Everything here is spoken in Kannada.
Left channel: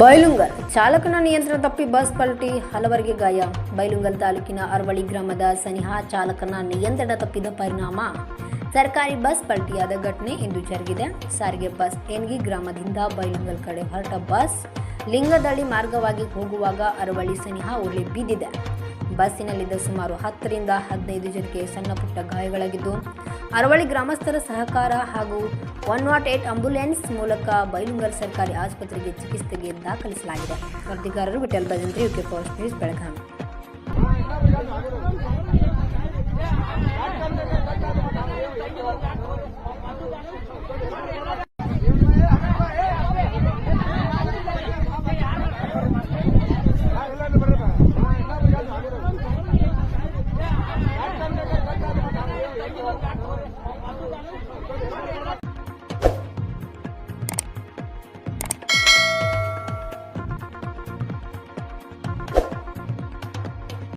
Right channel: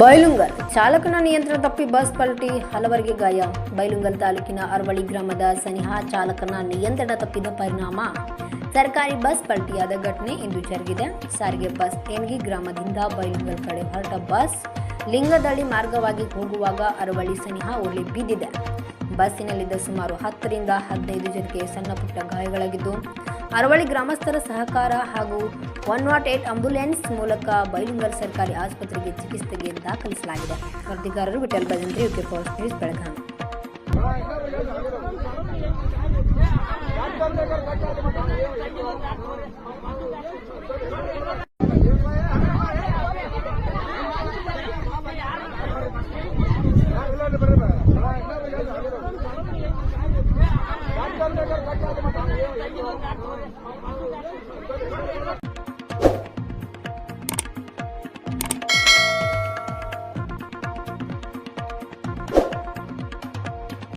ಬೈಲುಂಗಲ್ ಚಾಲಕನ ನಿಯಂತ್ರಣ ತಪ್ಪಿ ಬಸ್ ಪಲ್ಟಿ ಹಲವರಿಗೆ ಗಾಯ ಬೈಲುಂಗಲ್ ತಾಲೂಕಿನ ಅರವಳಿ ಗ್ರಾಮದ ಸನಿಹಾ ಚಾಲಕನ ನಿಯಂತ್ರಣ ತಪ್ಪಿದ ಪರಿಣಾಮ ಸರ್ಕಾರಿ ಬಸ್ ಪಲ್ಟಿಯಾದ ಘಟನೆ ಇಂದು ಜರುಗಿದೆ ಸಾರಿಗೆ ಬಸ್ ಏನ್ಗಿ ಗ್ರಾಮದಿಂದ ಬೈಲುಂಗಲ್ ಕಡೆ ಹೊರಟ ಬಸ್ ಲಿಂಗದಳ್ಳಿ ಮಾರ್ಗವಾಗಿ ಹೋಗುವಾಗ ಅರವಳಿ ಸನಿಹಾ ಒಳ್ಳೆ ಬಿದ್ದಿದೆ ಬಸ್ಸಿನಲ್ಲಿದ್ದ ಸುಮಾರು ಹತ್ತರಿಂದ ಹದಿನೈದು ಜನಕ್ಕೆ ಸಣ್ಣ ಪುಟ್ಟ ಗಾಯಗಳಾಗಿದ್ದು ಅರವಳಿ ಗ್ರಾಮಸ್ಥರ ಸಹಕಾರ ಹಾಗೂ 108 एम्बुलेंस ಮೂಲಕ ಬೈಲುಂಗಲ್ ಸರ್ಕಾರಿ ಆಸ್ಪತ್ರೆಗೆ ಚಿಕಿತ್ಸೆಗಾಗಿ ದಾಖಲಿಸಲಾಗಿದೆ. ಮರ್ದಿಗಾರರು ಬಿಟಲ್ಬಜಂದ್ರ ಯುಕೆ ಪೋಸ್ಟ್ ಕೃಷ್ಣ ಬೆಳಖಂ.